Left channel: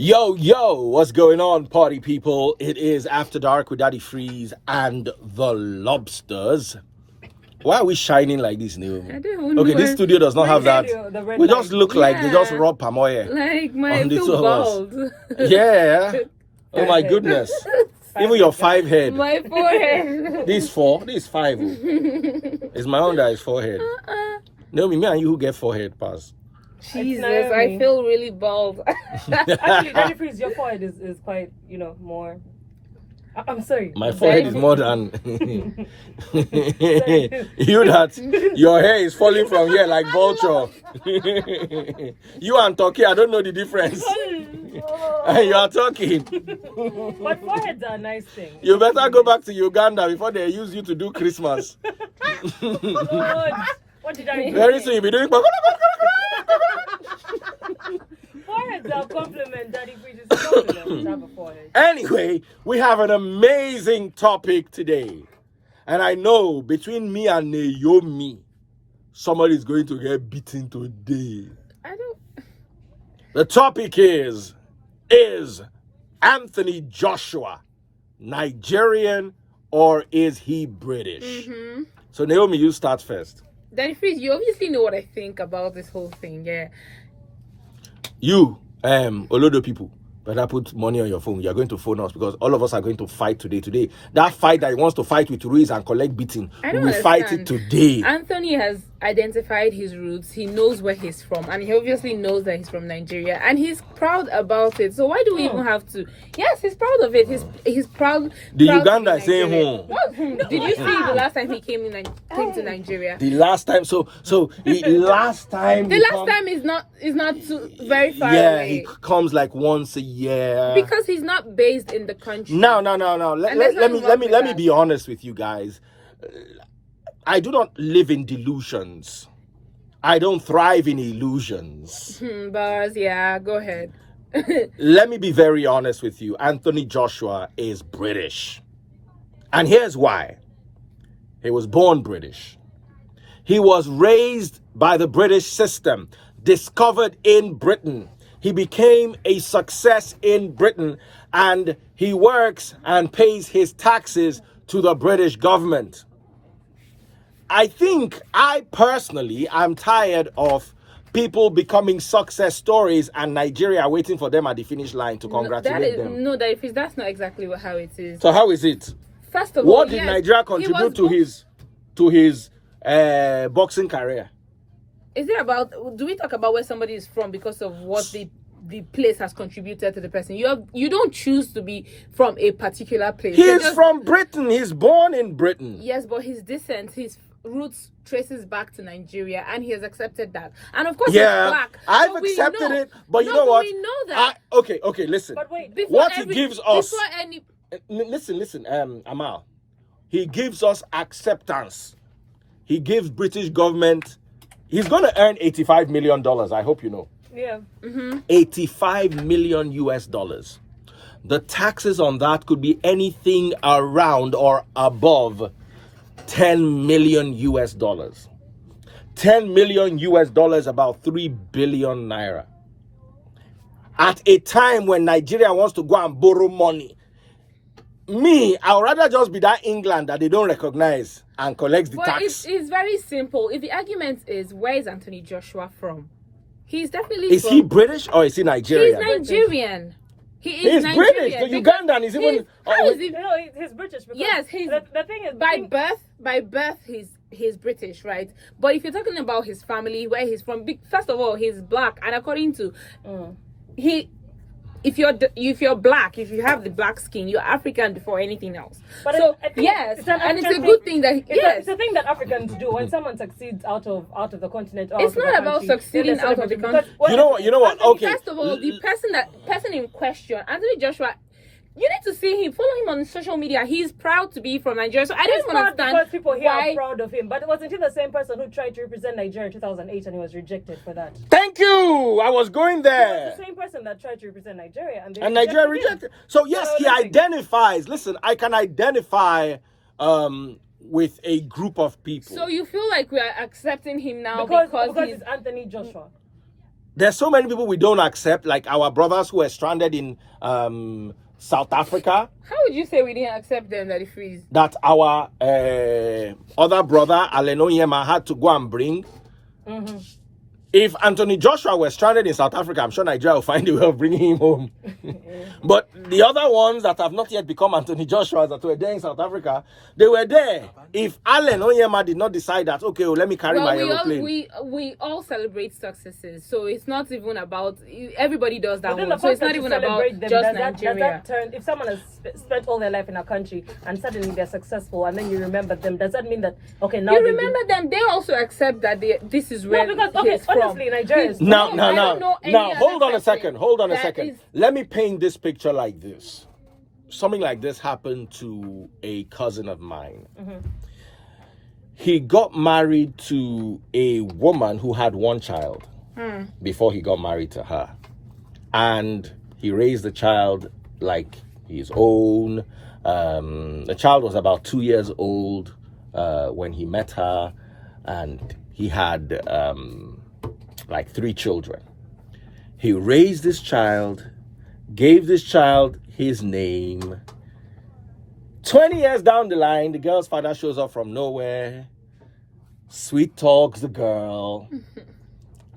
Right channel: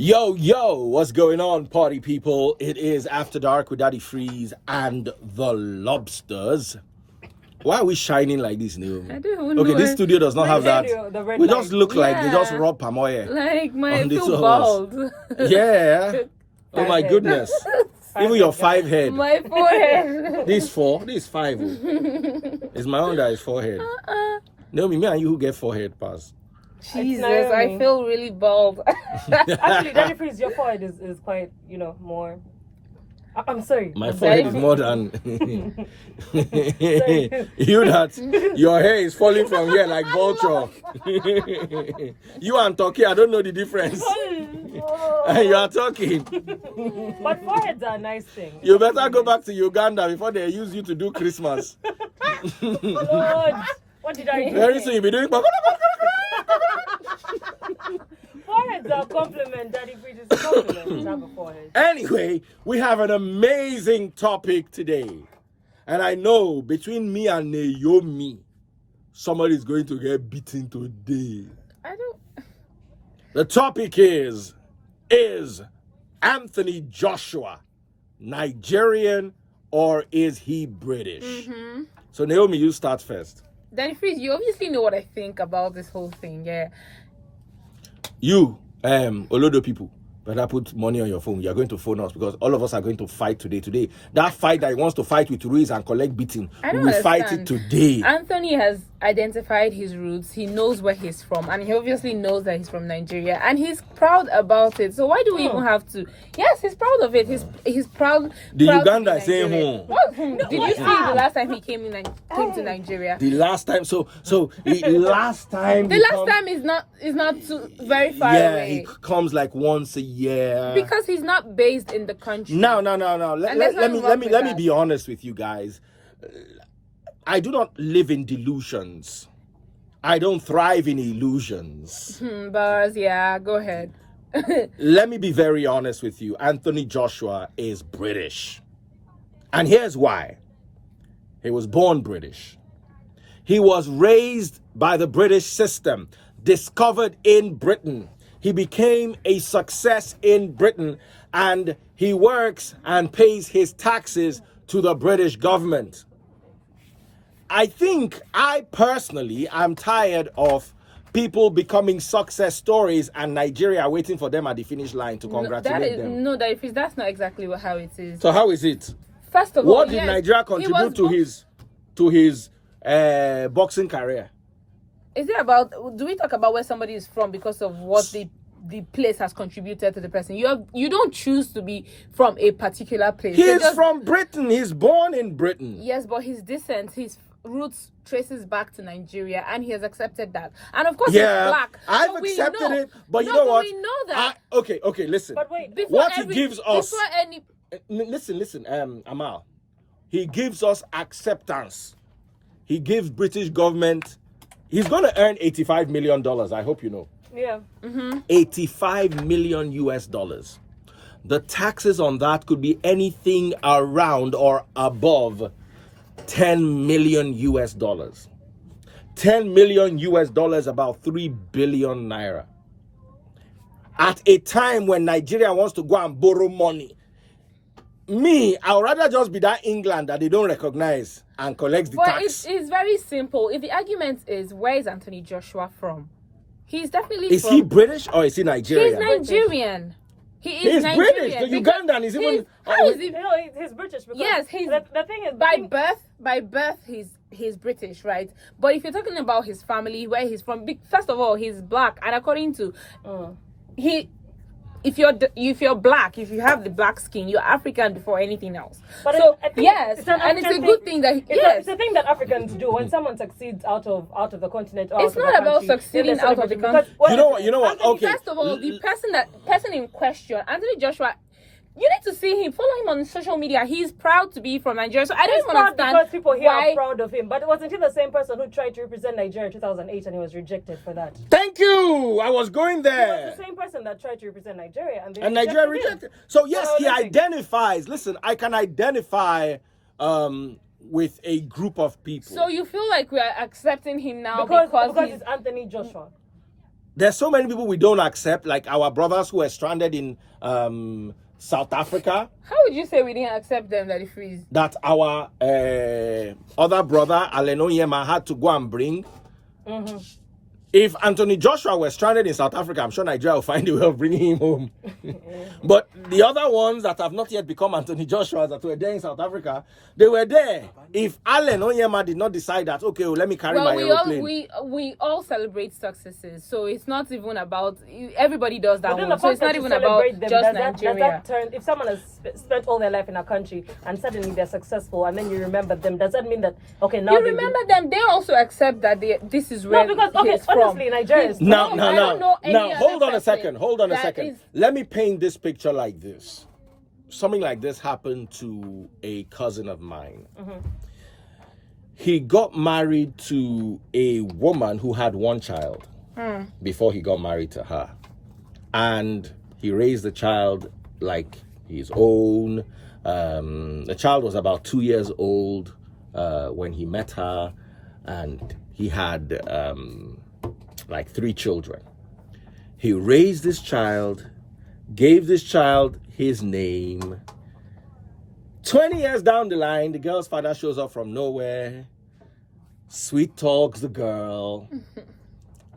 Yo, what's going on, party people? It is After Dark with Daddy Freeze and the Lobsters. Why are we shining like this, Naomi? I don't know. Okay, this studio does not have that. We just look like they just Yeah. rub palm oil Like my on the two two of us. bald. Yeah. Oh my goodness. Even your 5 head. My forehead. This 4, this 5. It's my own that is 4 head. Naomi, me and you who get 4 head pass. Jesus, I feel really bald. Actually, Daddy Freeze, your forehead is quite, more. I'm sorry. My forehead is more than you that your hair is falling from here like vulture. You and Turkey, I don't know the difference. And you are talking. But foreheads are a nice thing. You better go back to Uganda before they use you to do Christmas. What did I do? Very soon you'll be doing. Foreheads are a compliment, Daddy Freeze. It's a compliment to have a forehead. Anyway, we have an amazing topic today. And I know between me and Naomi, somebody's going to get beaten today. I don't. The topic is Anthony Joshua Nigerian or is he British? Mm-hmm. So Naomi, you start first. Daddy Freeze, you obviously know what I think about this whole thing, yeah. You, Olodo people, better put money on your phone. You're going to phone us because all of us are going to fight today. Today, that fight that he wants to fight with Ruiz and collect beating, we will fight it today. Anthony has identified his roots. He knows where he's from, and he obviously knows that he's from Nigeria, and he's proud about it. So why do we even have to? Yes, he's proud of it. He's proud. The proud Uganda is saying What? Did you see the last time he came to Nigeria? The last time, the last time. The last time is not too very far away. Yeah, he comes like once a year. Because he's not based in the country. No. Let me be honest with you guys. I do not live in delusions. I don't thrive in illusions. Bars, yeah, go ahead. Let me be very honest with you. Anthony Joshua is British. And here's why. He was born British. He was raised by the British system, discovered in Britain. He became a success in Britain, and he works and pays his taxes to the British government. I personally am tired of people becoming success stories and Nigeria waiting for them at the finish line to congratulate them. No, that's not exactly how it is. So how is it? First of all, what did Nigeria contribute to his boxing career? Is it about? Do we talk about where somebody is from because of what the place has contributed to the person? You don't choose to be from a particular place. He's from Britain. He's born in Britain. Yes, but his descent, his roots traces back to Nigeria, and he has accepted that. And of course, he's black. I've accepted it, but you know what? We know that. Okay, listen. But wait, what he gives us. Listen, Amal. He gives us acceptance. He gives British government. He's going to earn $85 million. I hope you know. yeah. 85 million US dollars. The taxes on that could be anything around or above 10 million US dollars. 10 million US dollars, about 3 billion naira. At a time when Nigeria wants to go and borrow money, I would rather just be that England that they don't recognize and collects the tax. It's very simple. If the argument is, where is Anthony Joshua from? He's definitely Is he British or is he Nigerian? He's Nigerian. He's British. The Ugandan is even. He's British. Yes, the thing is, by birth, he's British, right? But if you're talking about his family, where he's from, first of all, he's black, and according to if you're black, if you have the black skin, you're African before anything else. But so yes, and it's a good thing that it's a thing that Africans do when someone succeeds out of the continent. Or it's not about succeeding out of the country. You know what? Okay. First of all, the person in question, Anthony Joshua. You need to see him, follow him on social media. He's proud to be from Nigeria. So I don't understand because people here are proud of him. But wasn't he the same person who tried to represent Nigeria in 2008 and he was rejected for that? Thank you. I was going there. He was the same person that tried to represent Nigeria and Nigeria rejected. So yes, he identifies. Listen, I can identify with a group of people. So you feel like we are accepting him now because he's Anthony Joshua. There's so many people we don't accept, like our brothers who are stranded in South Africa. How would you say we didn't accept them that they freeze? That our other brother, Allen Onyema, had to go and bring. If Anthony Joshua were stranded in South Africa, I'm sure Nigeria will find a way of bringing him home. But the other ones that have not yet become Anthony Joshuas that were there in South Africa, they were there. If Allen Onyema did not decide that, okay, well, let me carry my aeroplane. We all celebrate successes, so it's not even about, everybody does that one. So it's not even about them, just does Nigeria. that turn, if someone has spent all their life in a country and suddenly they're successful and then you remember them, does that mean that, okay, now you remember them, they also accept that this is where he's from. Honestly, Nigeria is Now, hold on a second. Let me paint this picture like this. Something like this happened to a cousin of mine. He got married to a woman who had one child before he got married to her. And he raised the child like his own. The child was about 2 years old when he met her, and he had like 3 children. He raised this child, gave this child his name. 20 years down the line, the girl's father shows up from nowhere, sweet talks the girl.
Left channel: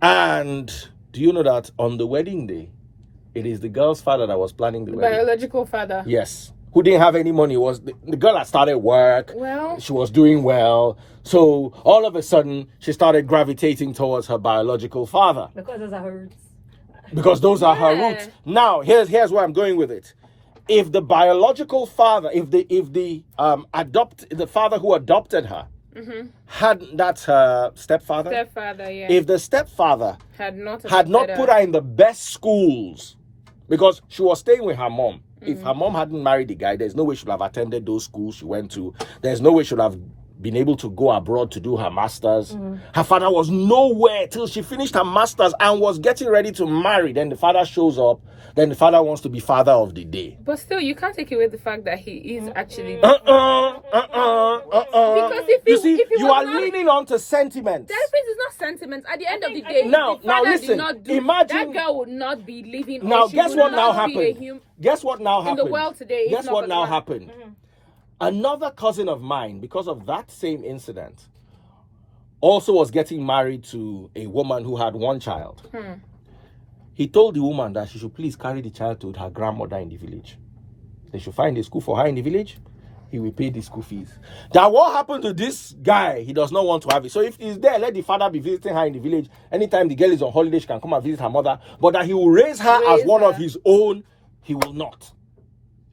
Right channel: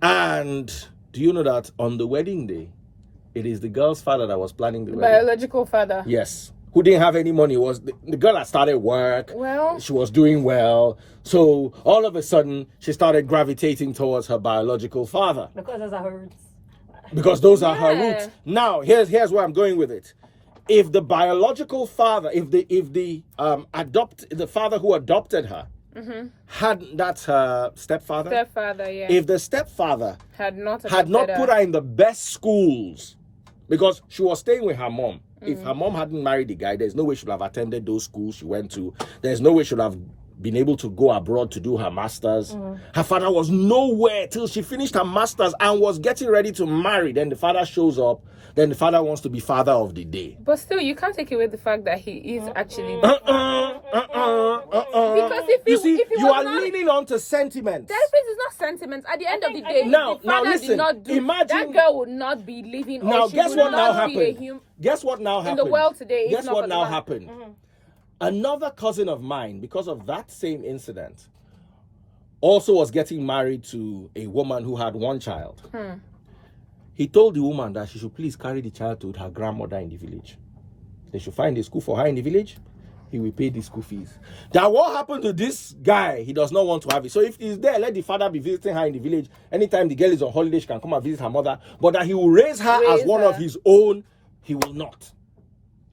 And do you know that on the wedding day, it is the girl's father that was planning the wedding? Biological father. Yes. Who didn't have any money. Was the girl had started work. Well, she was doing well. So all of a sudden, she started gravitating towards her biological father. Because those are her roots. Because those are her roots. Now, here's where I'm going with it. If the biological father, if the father who adopted her, that's her stepfather. Stepfather, yeah. If the stepfather had not put her in the best schools, because she was staying with her mom. If her mom hadn't married the guy, there's no way she would have attended those schools she went to. There's no way she would have been able to go abroad to do her masters. Her father was nowhere till she finished her masters and was getting ready to marry. Then the father shows up. Then the father wants to be father of the day. But still, you can't take away the fact that he is actually... Because if he you are leaning on to sentiment. That is not sentiment. At the end of the day, now listen, did not do, imagine that girl would not be living. Now, guess what now happened? Guess what now happened? In the world today. Guess what now happened? Another cousin of mine, because of that same incident, also was getting married to a woman who had one child. He told the woman that she should please carry the child to her grandmother in the village. They should find a school for her in the village. He will pay the school fees. That what happened to this guy, he does not want to have it. So if he's there, let the father be visiting her in the village. Anytime the girl is on holiday, she can come and visit her mother. But that he will raise her as one of his own, he will not.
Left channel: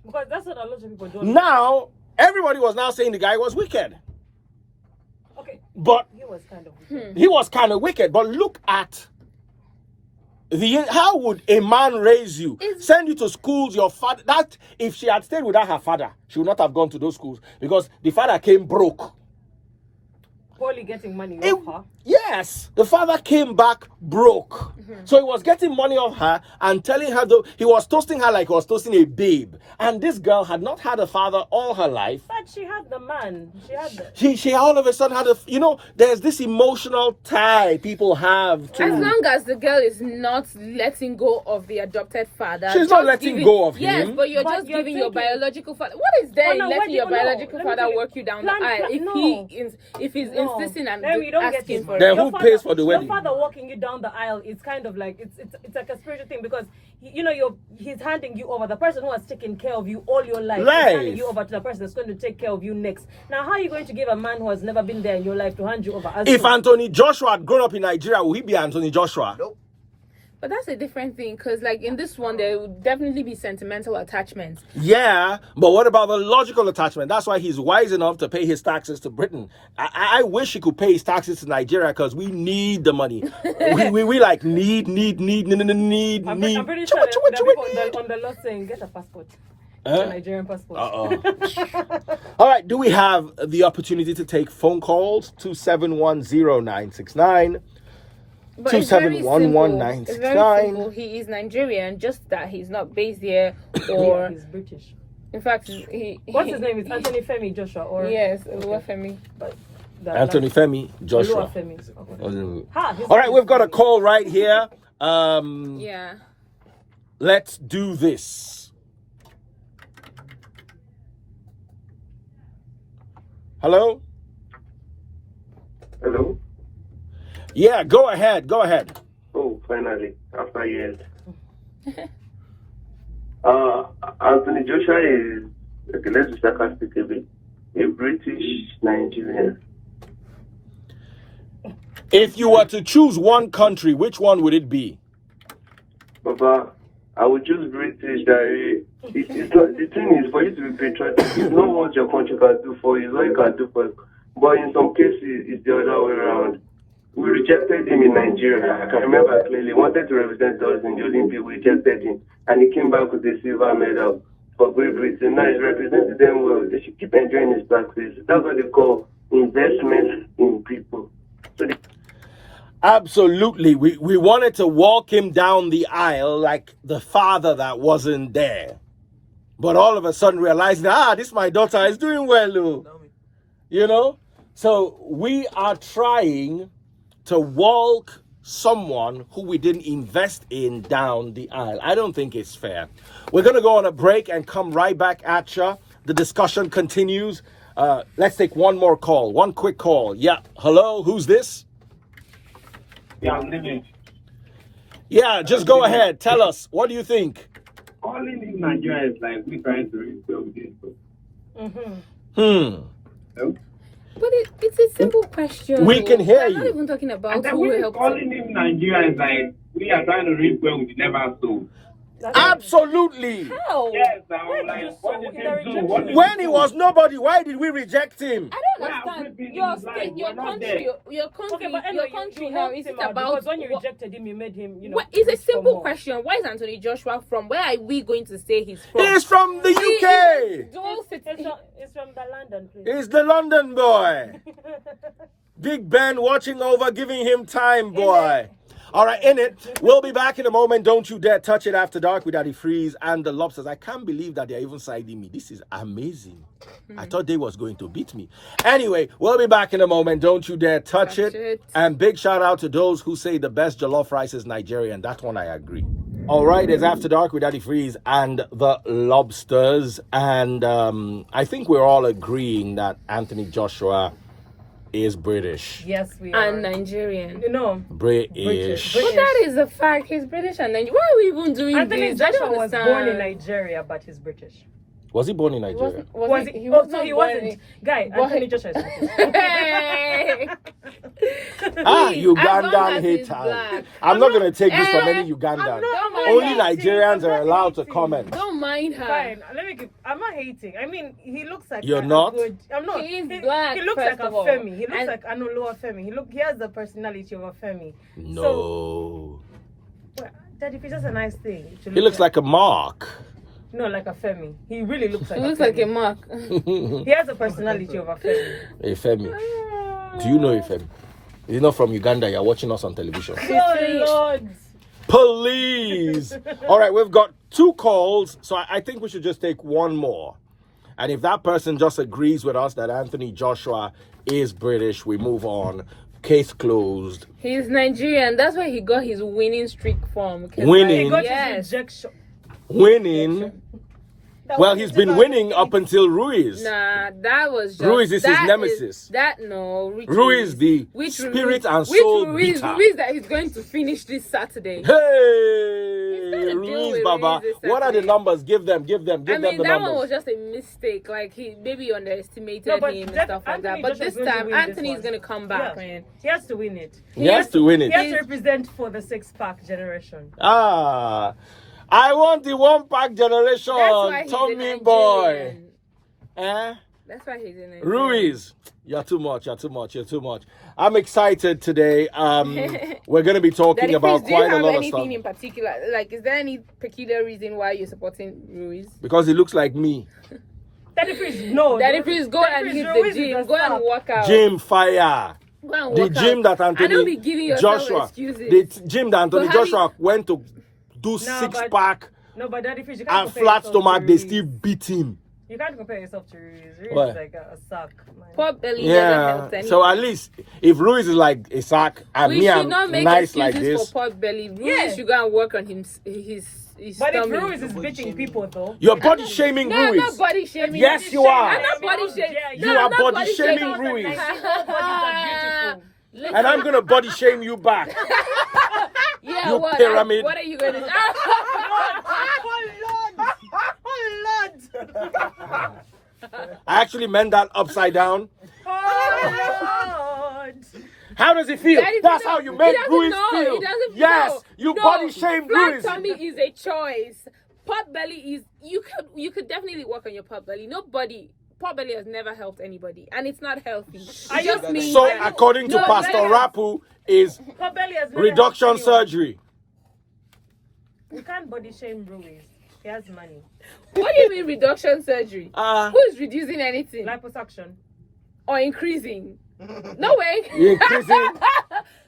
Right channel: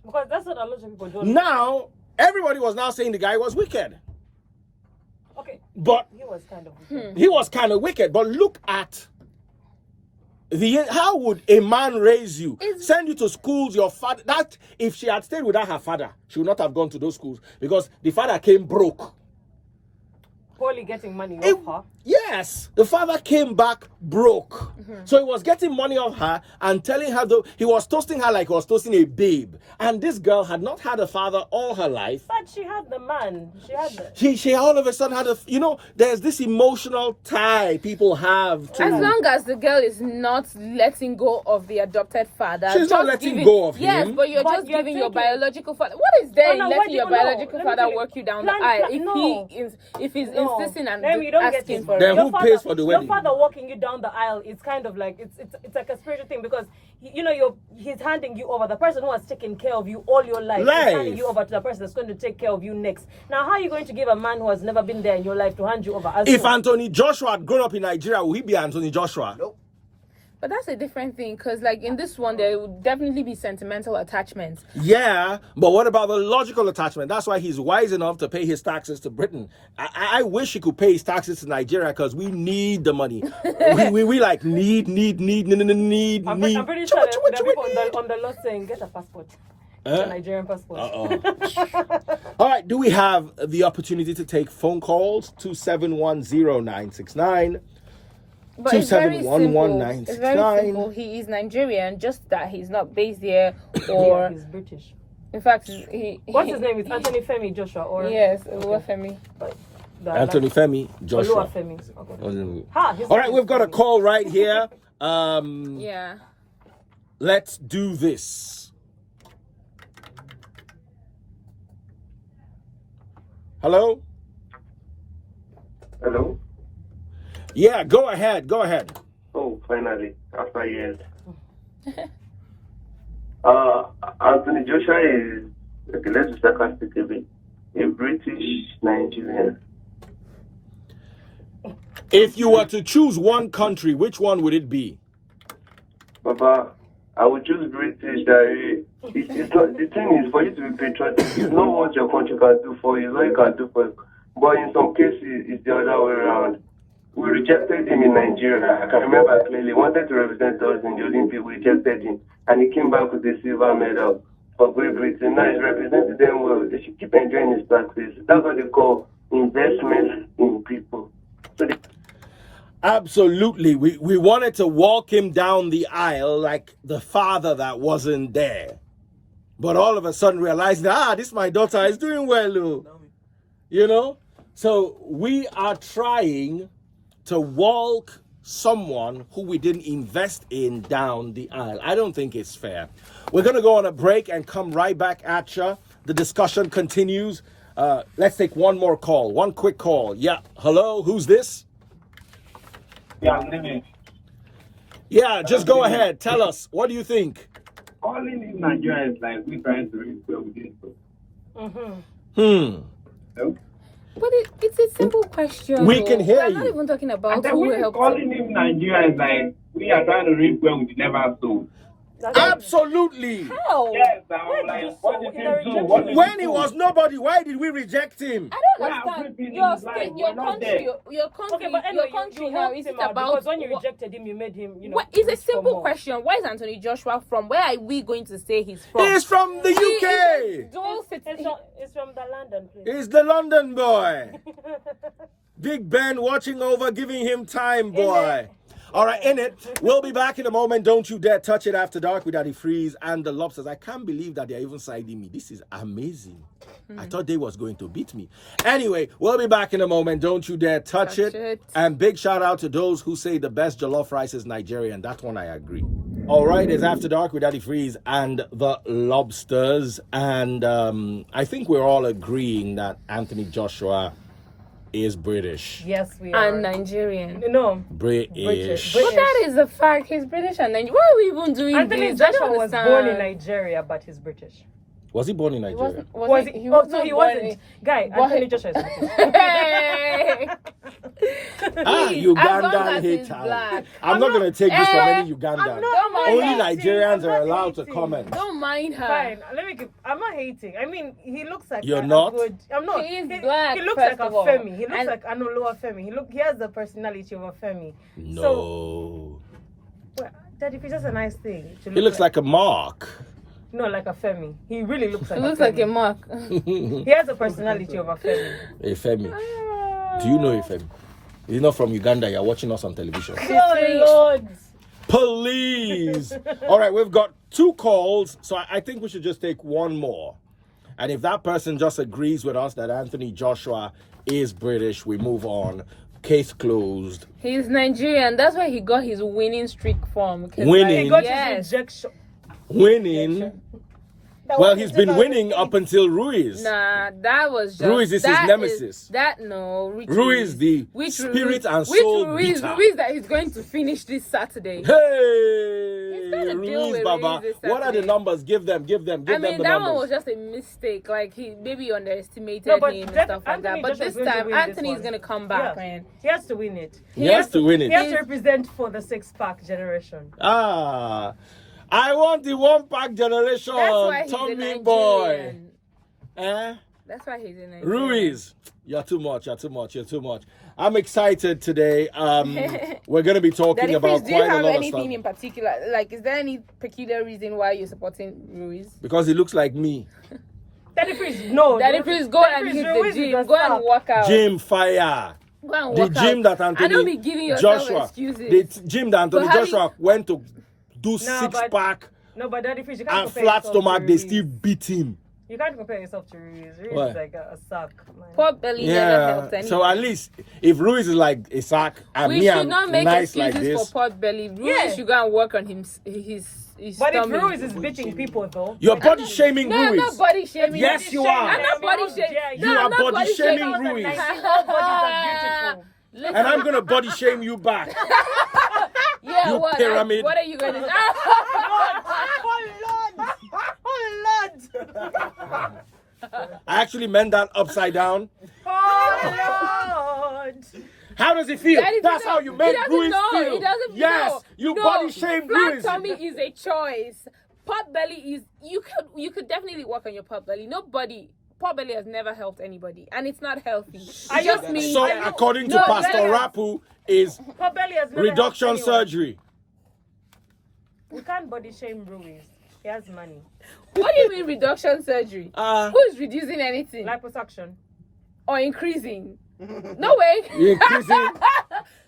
Because that's what a lot of people do. Now, everybody was now saying the guy was wicked. Okay. But he was kind of wicked. He was kind of wicked. But look at how would a man raise you, send you to schools, your father, that if she had stayed without her father, she would not have gone to those schools because the father came broke. Poorly getting money off her. Yes, the father came back broke. So he was getting money off her and telling her, he was toasting her like he was toasting a babe. And this girl had not had a father all her life. But she had the man. She had the... She all of a sudden had there's this emotional tie people have to... As long as the girl is not letting go of the adopted father. She's not letting go of him. Yes, but you're just giving your biological father... What is there in letting your biological father work you down the aisle? If he's insisting and asking for it. Then who pays for the wedding? Your father walking you down the aisle is kind of like it's like a spiritual thing because he's handing you over. The person who has taken care of you all your life is handing you over to the person that's going to take care of you next. Now, how are you going to give a man who has never been there in your life to hand you over? If Anthony Joshua had grown up in Nigeria, would he be Anthony Joshua? Nope. But that's a different thing because, like, in this one, there would definitely be sentimental attachments. Yeah, but what about the logical attachment? That's why he's wise enough to pay his taxes to Britain. I wish he could pay his taxes to Nigeria because we need the money. we like need. I'm pretty sure there are people on the lot saying, get a passport. A Nigerian passport. All right, do we have the opportunity to take phone calls? 2710969. But it's very simple. 2711969. He is Nigerian, just that he's not based here, or he's British. In fact, what's his name? It's Anthony Femi Joshua, or yes, Oluwafemi. Anthony Femi Joshua. Oluwafemi. All right, we've got a call right here. Yeah. Let's do this. Hello? Hello? Yeah, go ahead. Go ahead. Oh, finally, after years. Anthony Joshua is, okay, let's be sarcastic a bit, a British Nigerian. If you were to choose one country, which one would it be? Papa, I would choose British. The thing is, for you to be patriotic, it's not what your country can do for you, it's what you can do for you. But in some cases, it's the other way around. We rejected him in Nigeria. I can remember clearly. He wanted to represent us in the Olympics. We rejected him. And he came back with a silver medal for Great Britain. Now he's represented them well. They should keep enjoying his practice. That's what they call investment in people. Absolutely. We wanted to walk him down the aisle like the father that wasn't there. But all of a sudden realizing, this my daughter is doing well, Lou. You know? So we are trying to walk someone who we didn't invest in down the aisle. I don't think it's fair. We're going to go on a break and come right back at you. The discussion continues. Let's take one more call. One quick call. Yeah. Hello? Who's this? Yeah, I'm living. Yeah, just go ahead. Tell us. What do you think? Calling in Nigeria is like we trying to rebuild it. Hello? But it's a simple question. We can hear We're not you. even talking about And then who we helped. calling him Nigeria is like we are trying to reap where we never sow. Absolutely. How? Yes, I'm like, what did he do? What did When he was nobody, why did we reject him? I don't understand. Your state, your country, your country, Okay, but your anyway, country you now. helped Is it him out about? because when you rejected him, you made him, you know. It's a push for simple more. question. Where is Anthony Joshua from? Where are we going to say he's from? He's from the UK. It's from the London place. He's the London boy. Big Ben watching over, giving him time, boy. All right, in it. We'll be back in a moment. Don't you dare touch it after dark with Daddy Freeze and the Lobsters. I can't believe that they're even siding me. This is amazing. I thought they was going to beat me. Anyway, we'll be back in a moment. Don't you dare touch it. And big shout out to those who say the best jollof rice is Nigerian. That one I agree. All right, it's After Dark with Daddy Freeze and the Lobsters. And I think we're all agreeing that Anthony Joshua is British. Yes, we are. And Nigerian. No. British. But that is a fact. He's British and Nigerian. Why are we even doing Anthony this? I Joshua don't was understand. born in Nigeria, but he's British. Was he born in He Nigeria? wasn't. He wasn't. Guy, Anthony Joshua is British. Hey! Ugandan he's hater. black. I'm not going to take this from Eh, any Ugandans. Don't mind Only her. Nigerians are allowed to hating. comment. Don't mind her. Fine. I'm not hating. I mean, he looks like You're a not? good. I'm not. He is black, He looks first like a of all. Femi. He looks And- like Anoloa Femi. He has the personality of a Femi. No. So, well, Daddy, it's just a nice thing. to He looks like a Mark. No, like a Femi. He really looks like He looks a like a Femi. mark. He has the personality of a Femi. Efemi. Do you know Efemi? He's not from Uganda. You're watching us on television. Oh, Lord. Please. All right, we've got 2 calls, so I think we should just take one more. And if that person just agrees with us that Anthony Joshua is British, we move on. Case closed. He's Nigerian. That's why he got his winning streak from. Winning. He got Yes. his rejection. Winning. Well, he's been winning up until Ruiz. Nah, that was just... Ruiz is his that nemesis. Which Ruiz, the which spirit and which soul Ruiz, beater. Ruiz that he's going to finish this Saturday. Hey, gonna deal Ruiz, with Baba. Ruiz this What are the Saturday. numbers? Give them I the mean, that one numbers. was just a mistake. Like, he maybe underestimated No, but him and Jeff- stuff like Anthony that. But Joshua's this going to time, win this Anthony's one. going to come back, Yeah. man. He has to win it. He has to win He has it. to represent for the 6-pack generation. I want the 1-pack generation. That's why he's a Tommy boy. Nigerian. Eh? That's why he's in Nigeria. Ruiz, you're too much. I'm excited today. We're going to be talking Daddy about Freeze, do you quite a have lot of anything stuff. in particular? Like, is there any peculiar reason why you're supporting Ruiz? Because he looks like me. Daddy Freeze, no. Daddy Freeze, go and hit the Ruiz is gym. the Go and star. work out. Gym fire. Go and The work gym out. that Anthony I don't be giving yourself Joshua, excuses. the gym that Anthony So how Joshua went to do No, 6-pack No, but Daddy Freeze, you can't and compare flat yourself to stomach, they Ruiz. still beat him. You can't compare yourself to Ruiz. Ruiz What? is like a sack. Man. Pot belly never helped Yeah. anyone. So at least if Ruiz is like a sack and we me should I'm not make nice like excuses this, for pot belly. Ruiz Yeah. should go and work on his But if stomach. Ruiz is beating people, though. you're body shaming No, I'm Ruiz. not body shaming. Yes, you are. I'm not body shaming. Yeah, You No, are I'm not body shaming shaming. Ruiz. Listen, And I'm gonna body shame you back. yeah, you what? pyramid. What are you going to do? I actually meant that upside down. Oh, Lord. How does it feel? Daddy That's doesn't- how you he make doesn't Ruiz know. feel. He doesn't Yes, know. you No, body shame flat Ruiz. tummy is a choice. Pot belly is you could definitely work on your pot belly. Pot belly has never helped anybody, and it's not healthy. It just means So according to No, Pastor yes. Rapu, is Pot belly has never reduction helped anyone. surgery. You can't body shame Ruiz. He has money. What do you mean reduction surgery? Who is reducing anything Liposuction. or increasing? No way. You increasing? Yeah,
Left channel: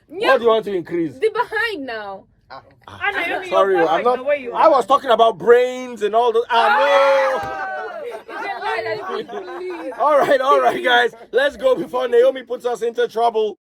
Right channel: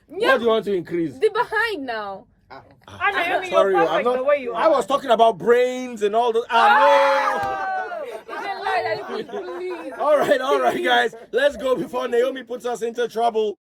What do you want to increase? the behind now. And Naomi, Sorry, you're I'm perfect the not. way you I are. was talking about brains and all the. It's a lie that you believe. All right, guys. Let's go before Naomi puts us into trouble.